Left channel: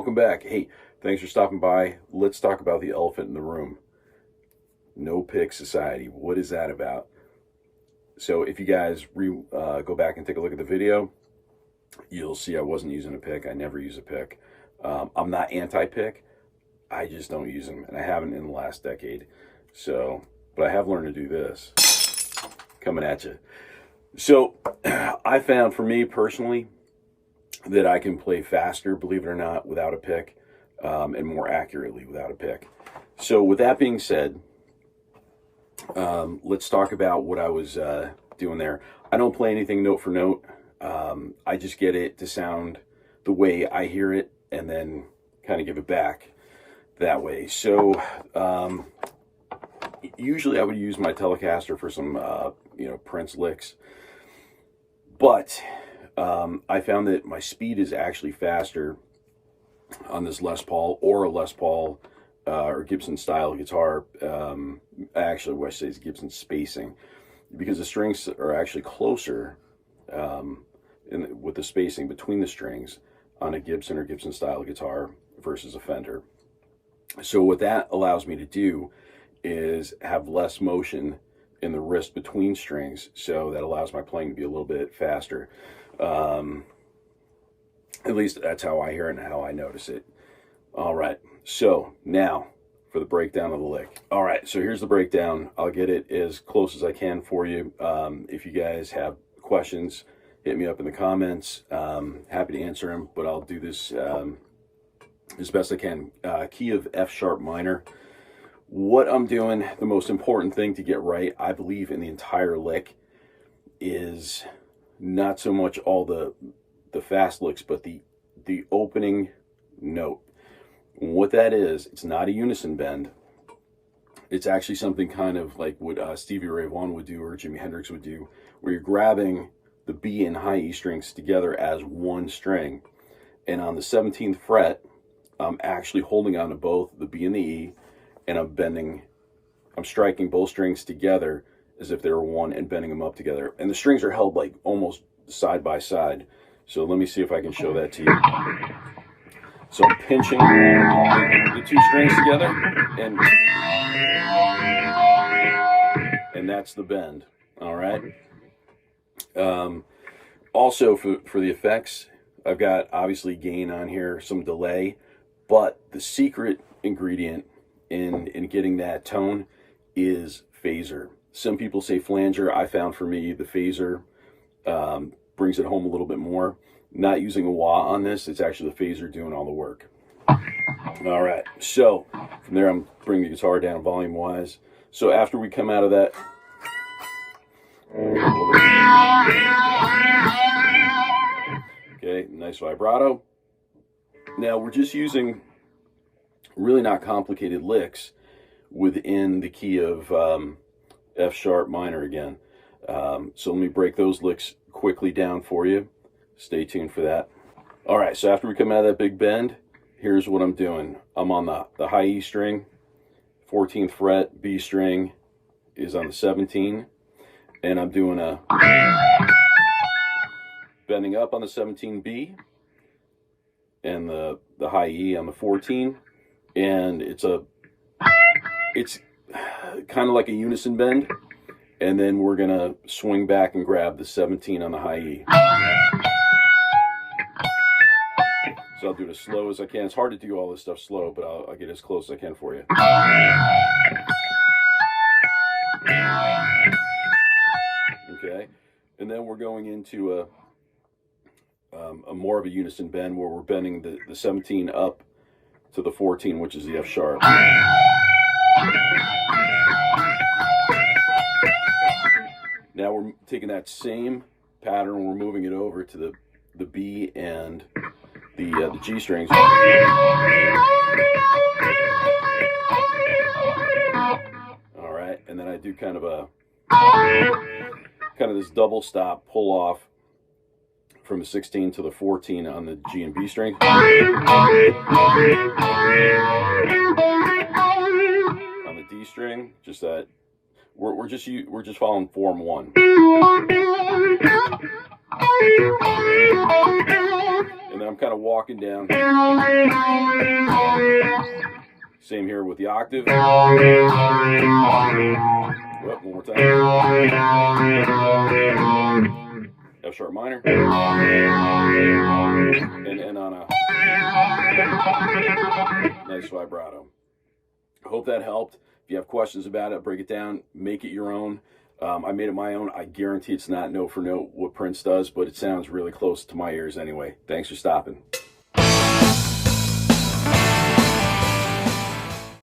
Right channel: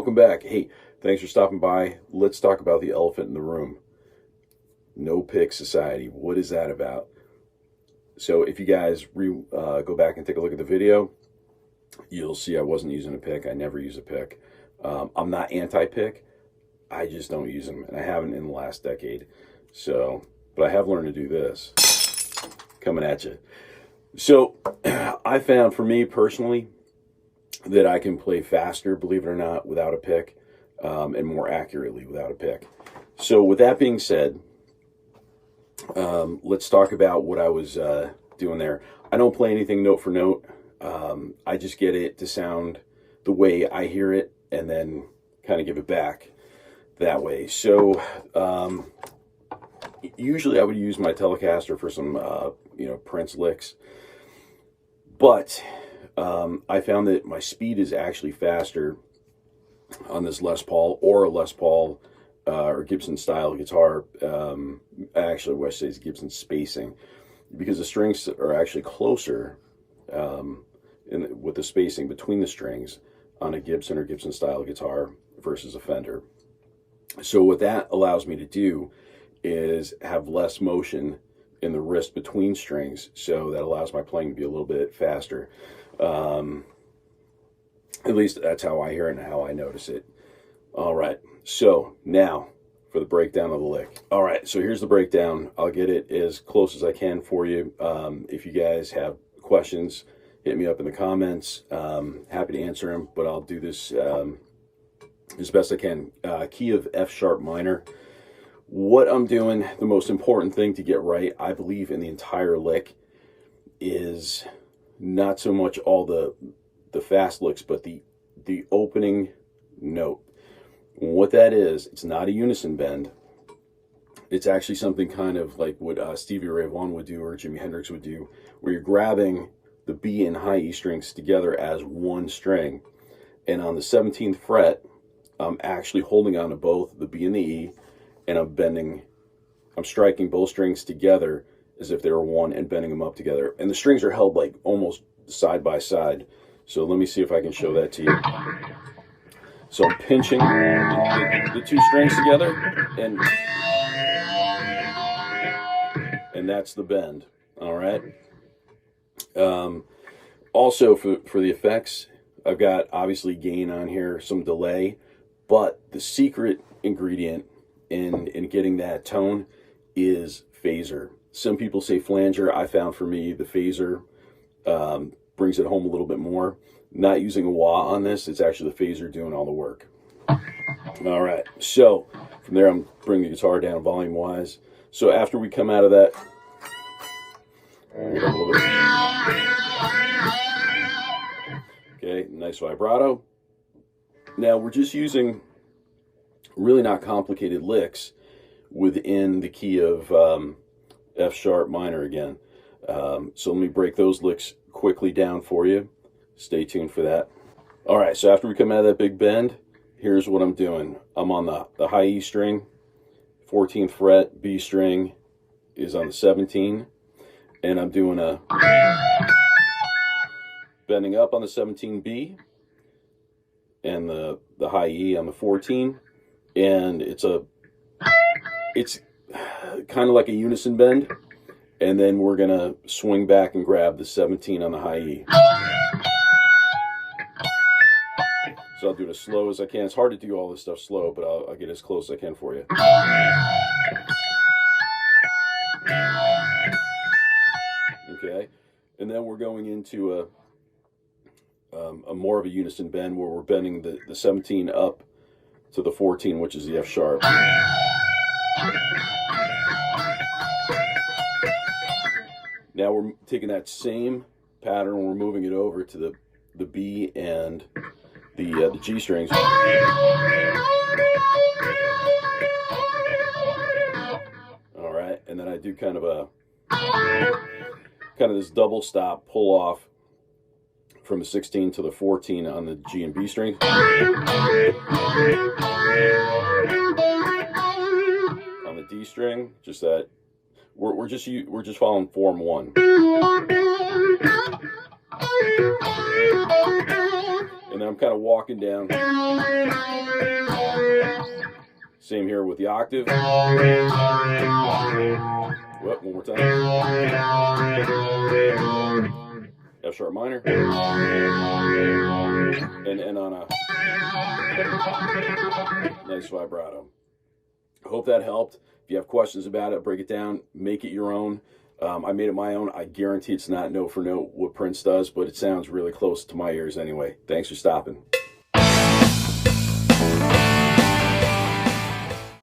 welcome back. Hey, thanks for stopping by. Let's talk about the elephant in the room. No pick society. What is that about? So if you guys go back and take a look at the video, you'll see I wasn't using a pick. I never use a pick. I'm not anti-pick. I just don't use them, and I haven't in the last decade. So, but I have learned to do this. Coming at you. So I found, for me personally, that I can play faster, believe it or not, without a pick, and more accurately without a pick. So with that being said, let's talk about what I was doing there. I don't play anything note for note. I just get it to sound the way I hear it, and then kind of give it back that way. So usually I would use my Telecaster for some Prince licks, but I found that my speed is actually faster on this Les Paul or a Les Paul or Gibson style guitar. Actually, what I say is Gibson spacing, because the strings are actually closer with the spacing between the strings on a Gibson or Gibson style guitar versus a Fender. So what that allows me to do is have less motion in the wrist between strings, so that allows my playing to be a little bit faster. At least that's how I hear it and how I notice it. All right, so now for the breakdown of the lick. All right, so here's the breakdown. I'll get it as close as I can for you. If you guys have questions, hit me up in the comments. Happy to answer them, but I'll do this as best I can. Key of F sharp minor. What I'm doing, the most important thing to get right, I believe, in the entire lick is not so much all the fast licks, but the opening note. What that is, it's not a unison bend. It's actually something kind of like what Stevie Ray Vaughan would do or Jimi Hendrix would do, where you're grabbing the B and high E strings together as one string. And on the 17th fret, I'm actually holding on to both the B and the E, and I'm striking both strings together as if they were one and bending them up together. And the strings are held like almost side by side. So let me see if I can show that to you. So I'm pinching the two strings together, and that's the bend. All right. Also for the effects, I've got obviously gain on here, some delay, but the secret ingredient in getting that tone is phaser. Some people say flanger. I found for me the phaser brings it home a little bit more. Not using a wah on this, it's actually the phaser doing all the work. All right, so from there I'm bringing the guitar down volume wise. So after we come out of that, okay, nice vibrato. Now we're just using really not complicated licks within the key of F sharp minor again. So let me break those licks quickly down for you. Stay tuned for that. All right, so after we come out of that big bend, here's what I'm doing. I'm on the high E string, 14th fret, B string is on the 17, and I'm doing a bending up on the 17B, and the high E on the 14, and it's kind of like a unison bend, and then we're gonna swing back and grab the 17 on the high E. So I'll do it as slow as I can. It's hard to do all this stuff slow, but I'll get as close as I can for you. Okay, and then we're going into a more of a unison bend where we're bending the 17 up to the 14, which is the F sharp. Now we're taking that same pattern, we're moving it over to the B and the G strings. All right, and then I do kind of this double stop pull off from the 16 to the 14 on the G and B strings. On the D string, just that we're just following form 1. And then I'm kind of walking down. Same here with the octave. Whoop, one more time. F sharp minor. And end on a nice vibrato. I hope that helped. If you have questions about it, break it down, make it your own. I made it my own. I guarantee it's not note for note what Prince does, but it sounds really close to my ears anyway. Thanks for stopping.